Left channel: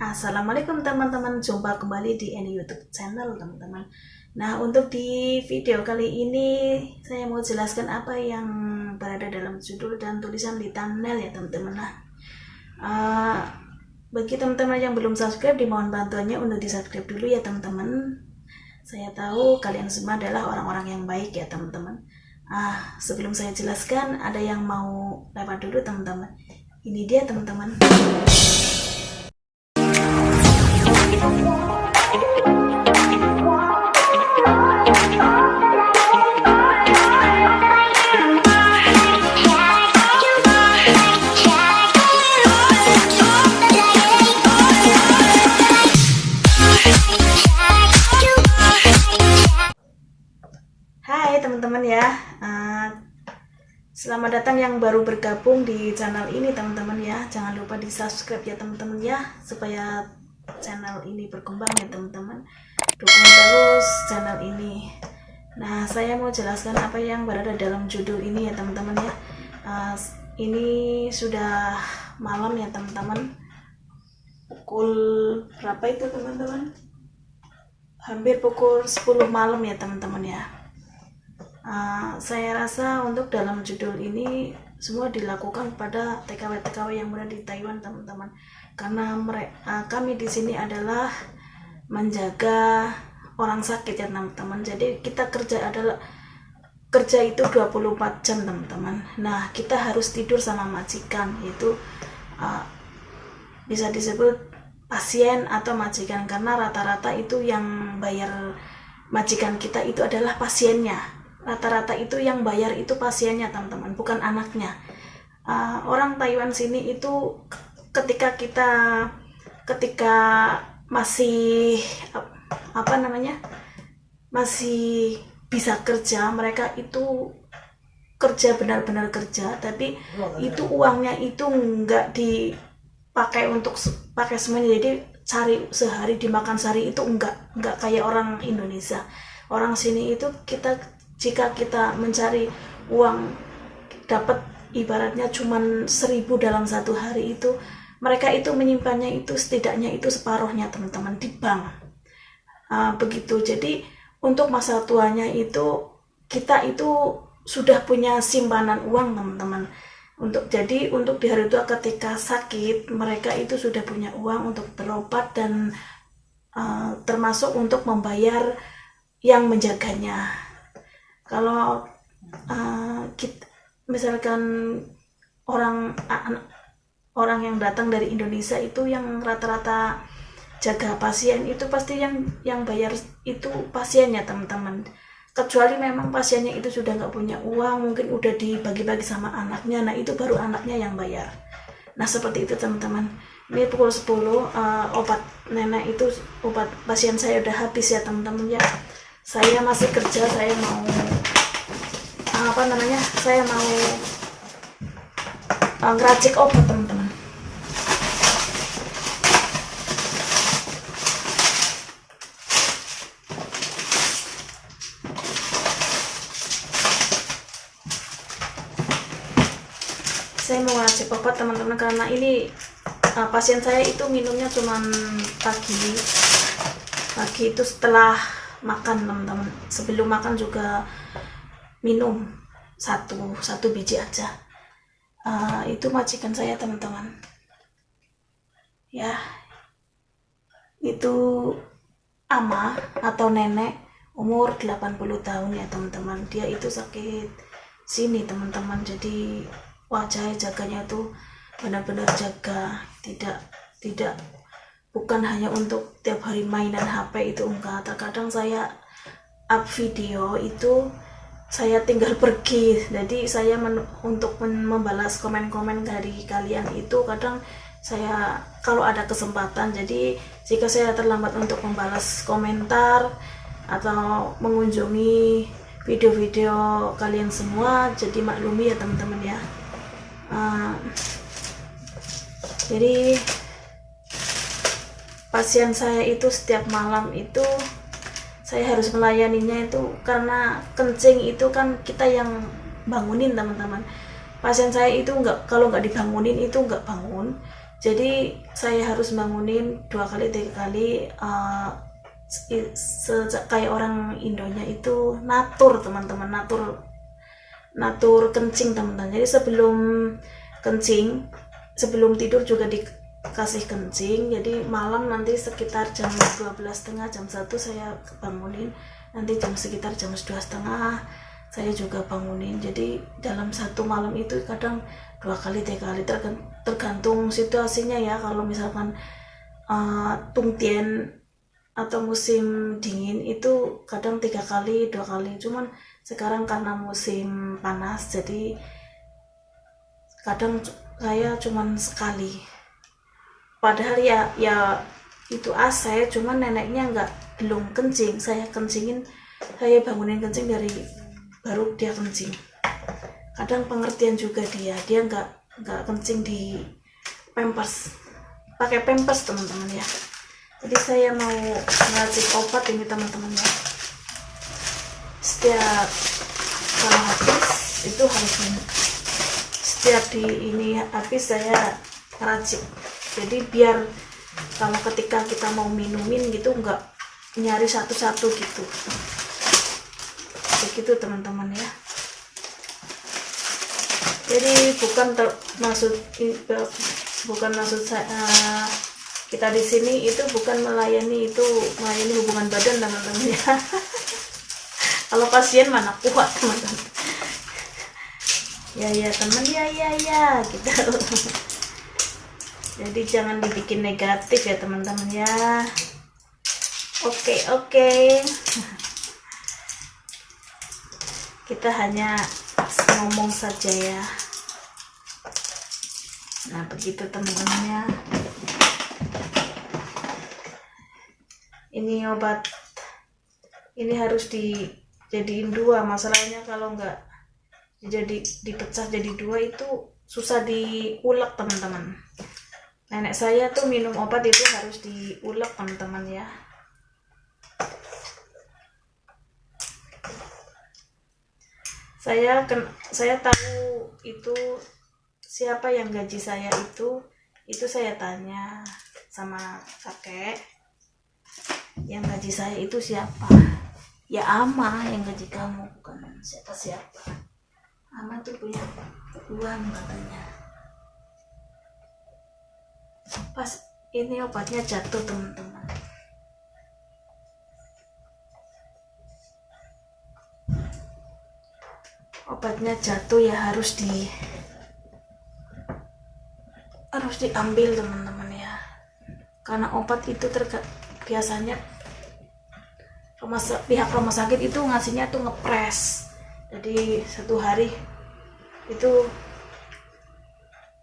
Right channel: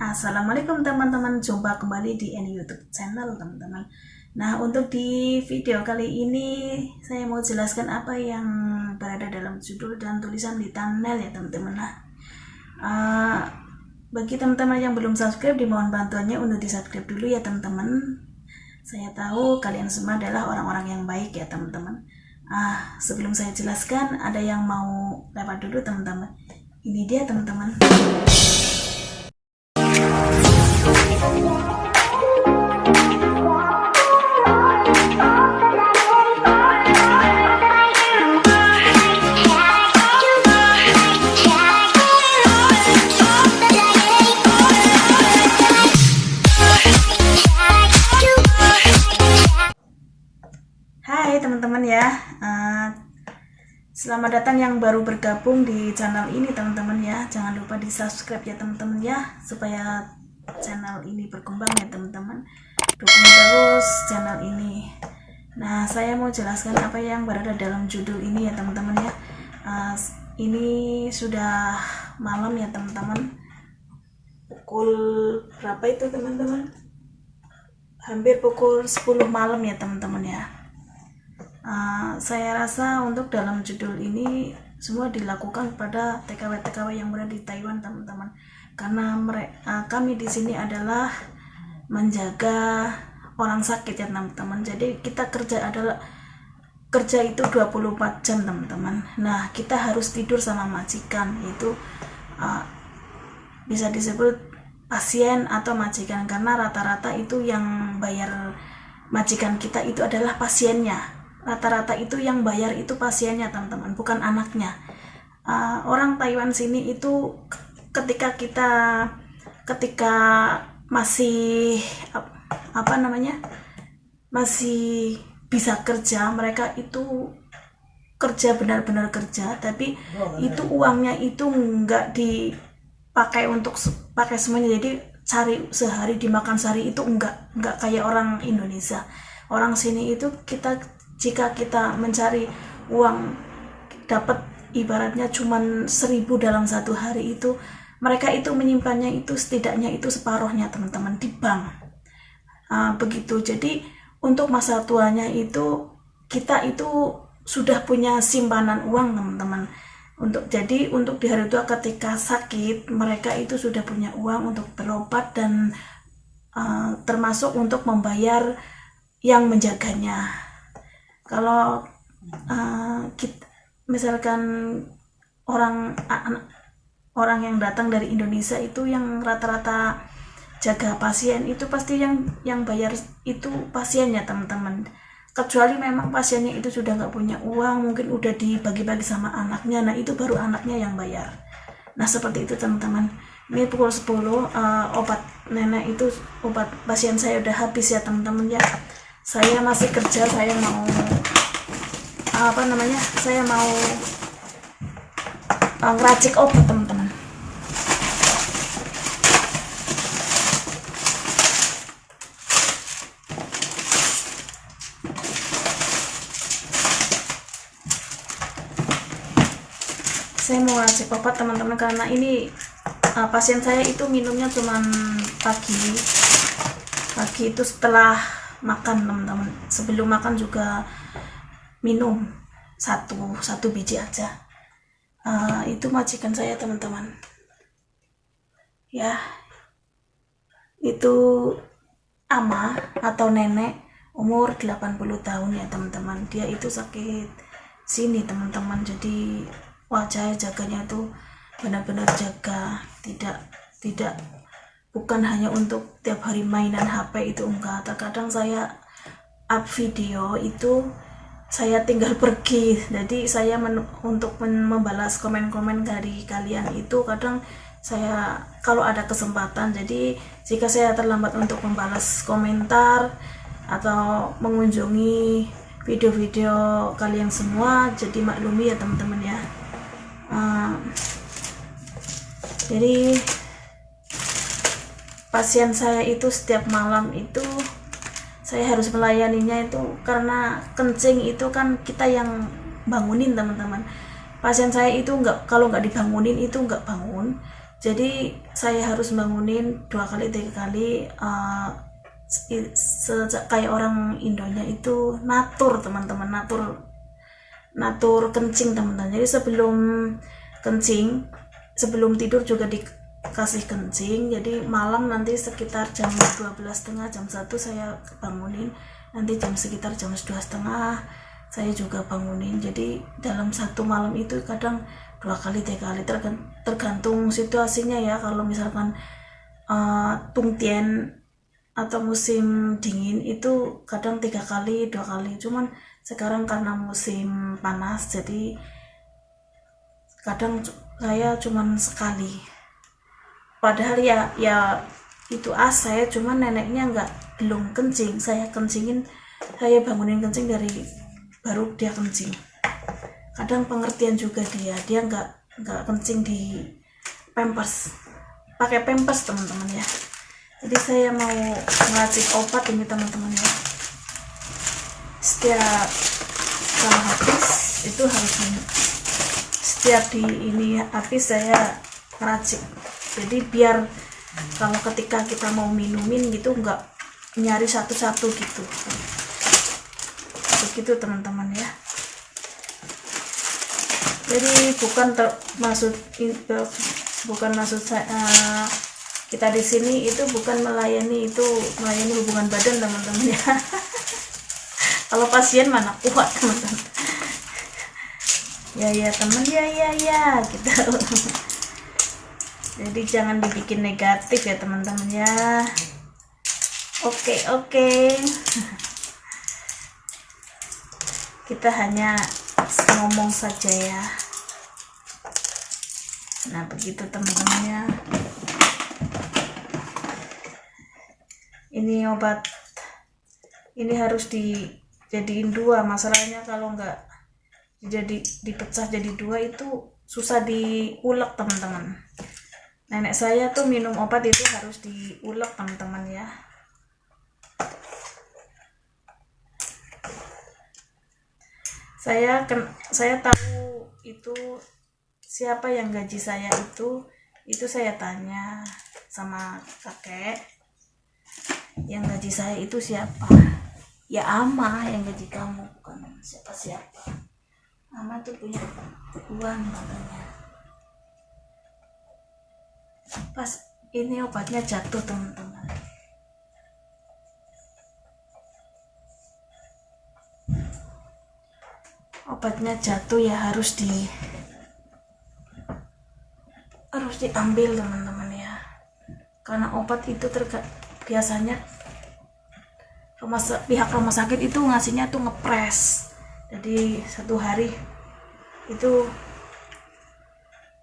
Assalamualaikum teman-teman, jumpa kembali di Any YouTube channel teman-teman. Nah, untuk di video kali ini saya mau jelaskan apa yang berada dalam judul dan tulisan di thumbnail ya teman-teman. Nah, bagi teman-teman yang belum subscribe, dimohon bantuannya untuk di subscribe dulu ya teman-teman. Saya tahu kalian semua adalah orang-orang yang baik ya teman-teman. Sebelum saya jelaskan, ada yang mau lewat dulu teman-teman. Ini dia teman-teman. Hai teman-teman ya, selamat datang yang baru bergabung di channel ini teman-teman ya. Jangan lupa di subscribe ya teman-teman ya, supaya channel ini berkembang ya teman-teman. Dukung terus channel ini. Nah, saya mau jelaskan apa yang berada dalam judul ini ya teman-teman ya. Ini sudah malam ya teman-teman, pukul berapa itu teman-teman? Hampir pukul 10 malam ya teman-teman ya. Saya rasa untuk dalam judul ini semua dilakukan pada TKW-TKW yang berada di Taiwan teman-teman, karena kami di sini adalah menjaga orang sakit ya teman-teman. Jadi kita kerja itu 24 jam teman-teman. Nah, kita harus tidur sama majikan, yaitu bisa disebut pasien atau majikan, karena rata-rata itu yang bayar majikan kita itu adalah pasiennya. Rata-rata itu yang bayar itu pasiennya teman-teman, bukan anaknya. Orang Taiwan sini itu ketika masih masih bisa kerja, mereka itu kerja, benar-benar kerja, tapi itu uangnya itu nggak dipakai untuk pakai semuanya. Jadi cari sehari dimakan sehari itu enggak kayak orang Indonesia. Orang sini itu jika kita mencari uang dapat ibaratnya cuman 1.000 dalam satu hari, itu mereka itu menyimpannya itu setidaknya itu separuhnya teman-teman di bank. Begitu. Jadi untuk masa tuanya itu kita itu sudah punya simpanan uang teman-teman. Untuk di hari tua ketika sakit, mereka itu sudah punya uang untuk berobat dan termasuk untuk membayar yang menjaganya. Kalau misalkan orang yang datang dari Indonesia itu yang rata-rata jaga pasien itu pasti yang bayar itu pasiennya teman-teman. Kecuali memang pasiennya itu sudah nggak punya uang, mungkin udah dibagi-bagi sama anaknya, nah itu baru anaknya yang bayar. Nah, seperti itu teman-teman. Ini pukul 10, obat nenek itu, obat pasien saya udah habis ya teman-teman ya. Saya masih kerja, saya mau ngeracik obat teman-teman. Saya mau ngeracik obat teman-teman, karena ini pasien saya itu minumnya cuman pagi itu setelah makan teman-teman. Sebelum makan juga minum satu biji aja. Itu majikan saya teman-teman ya, itu ama atau nenek umur 80 tahun ya teman-teman. Dia itu sakit sini teman-teman, jadi wajah jaganya tuh benar-benar jaga, tidak bukan hanya untuk tiap hari mainan HP itu, enggak. Terkadang saya up video itu saya tinggal pergi, jadi saya untuk membalas komen-komen dari kalian itu kadang saya kalau ada kesempatan. Jadi jika saya terlambat untuk membalas komentar atau mengunjungi video-video kalian semua, jadi maklumi ya teman-teman ya. Jadi pasien saya itu setiap malam itu saya harus melayaninya, itu karena kencing itu kan kita yang bangunin teman-teman. Pasien saya itu kalau nggak dibangunin itu nggak bangun. Jadi saya harus bangunin 2 kali 3 kali, kayak orang Indonya itu natur teman-teman, natur kencing teman-teman. Jadi sebelum tidur juga dikasih kencing. Jadi malam nanti sekitar jam 12.30, jam 1 saya bangunin, nanti sekitar jam 2.30 saya juga bangunin. Jadi dalam satu malam itu kadang 2 kali 3 kali, tergantung situasinya ya. Kalau misalkan tungtian atau musim dingin itu kadang 3 kali 2 kali, cuman sekarang karena musim panas jadi kadang saya cuman sekali. Padahal ya itu saya cuman neneknya belum kencing, saya bangunin kencing baru dia kencing. Kadang pengertian juga dia nggak kencing di pakai pampers teman-teman ya. Jadi saya mau meracik obat ini teman-teman ya. Setiap kalau habis itu harus minum. Setiap habis saya meracik. Jadi biar kalau ketika kita mau minumin gitu nggak nyari satu-satu gitu. Begitu teman-teman ya. Jadi bukan maksud saya kita di sini itu bukan melayani hubungan badan teman-teman ya. Kalau pasien mana kuat teman-teman. Ya teman ya gitu. Jadi jangan dibikin negatif ya teman-teman ya. Oke. Kita hanya ngomong saja ya. Nah begitu teman-teman ya. Ini obat ini harus dijadiin 2. Masalahnya kalau nggak dipecah jadi 2 itu susah diulek teman-teman. Nenek saya tuh minum obat itu harus diulek teman-teman ya. Saya tahu itu siapa yang gaji saya itu saya tanya sama kakek, yang gaji saya itu siapa. Ya Ama yang gaji kamu, bukan siapa-siapa. Ama tuh punya uang katanya. Pas ini obatnya jatuh teman-teman. Obatnya jatuh ya harus diambil teman-teman ya. Karena obat itu biasanya pihak rumah sakit itu ngasihnya tuh ngepres. Jadi 1 hari itu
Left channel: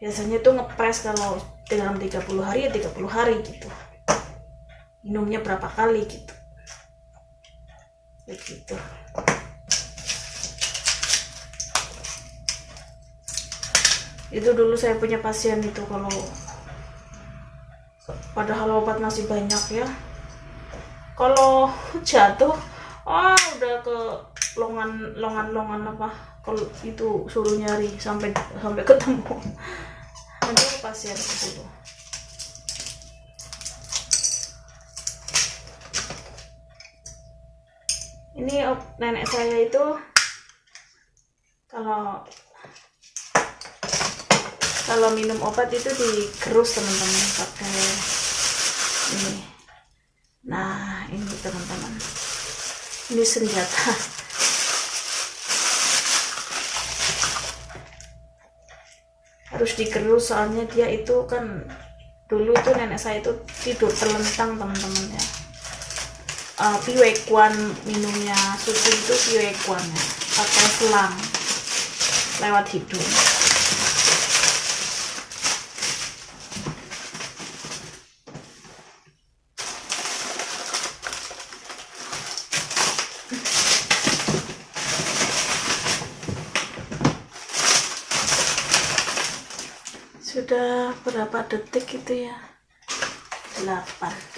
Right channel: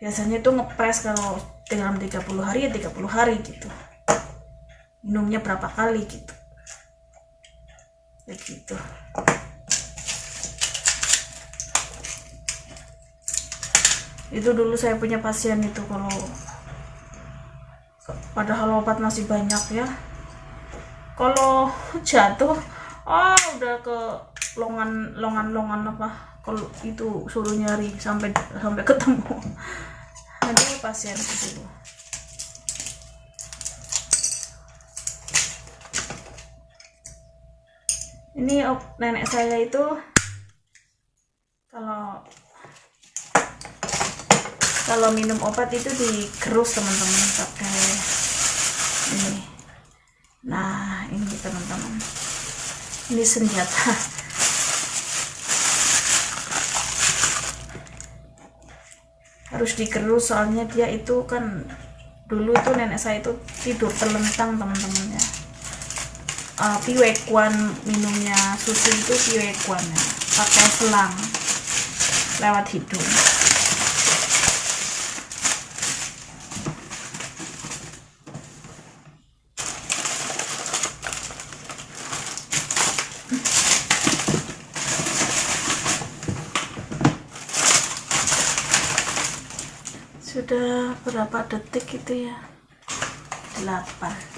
biasanya tuh ngepres, kalau dalam 30 hari ya 30 hari gitu. Minumnya berapa kali gitu. Begitu. Itu dulu saya punya pasien itu, kalau padahal obat masih banyak ya, kalau jatuh udah ke longan apa, kalau itu suruh nyari sampai ketemu. Ada pasien dulu. Ini nenek saya itu kalau minum obat itu digerus teman-teman pakai ini. Nah ini teman-teman, ini senjata. Harus digerus soalnya dia itu kan dulu itu nenek saya itu tidur telentang teman-teman ya. Piwekuan minumnya susu itu piwekuannya pakai selang lewat hidung. Sudah berapa detik itu ya? 8.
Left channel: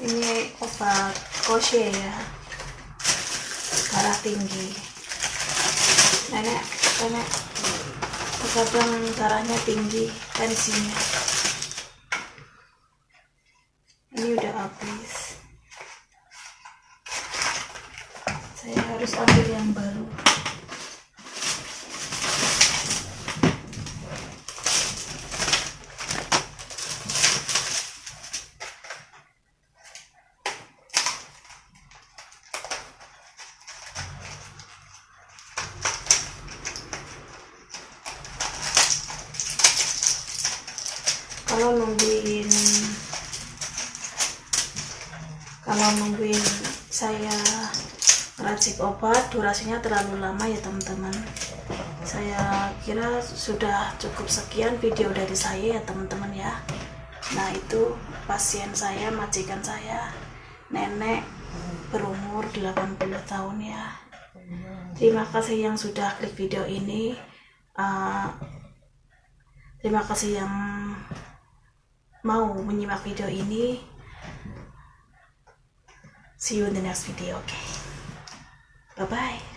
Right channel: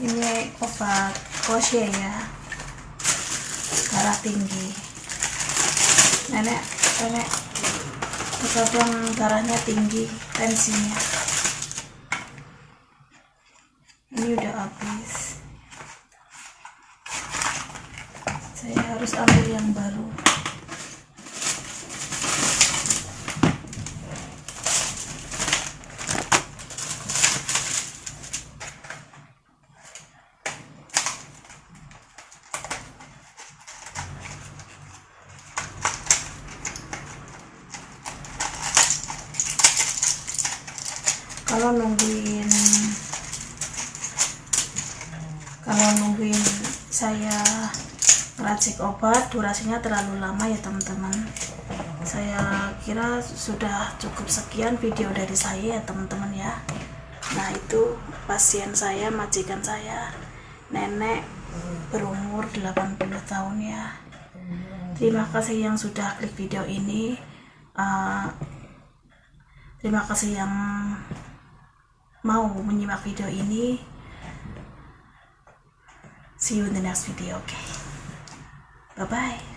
Ini obat Koshe ya, darah tinggi. Nenek terkadang darahnya tinggi, tensinya. Ini udah habis, saya harus ambil yang baru. Kalau nungguin saya ngeracik obat durasinya terlalu lama ya teman-teman. Saya kira sudah cukup sekian video dari saya ya teman-teman ya. Nah itu pasien saya, majikan saya, nenek berumur 80 tahun ya. Terima kasih yang sudah klik video ini. Terima kasih yang mau menyimak video ini. See you in the next video, okay? Bye-bye.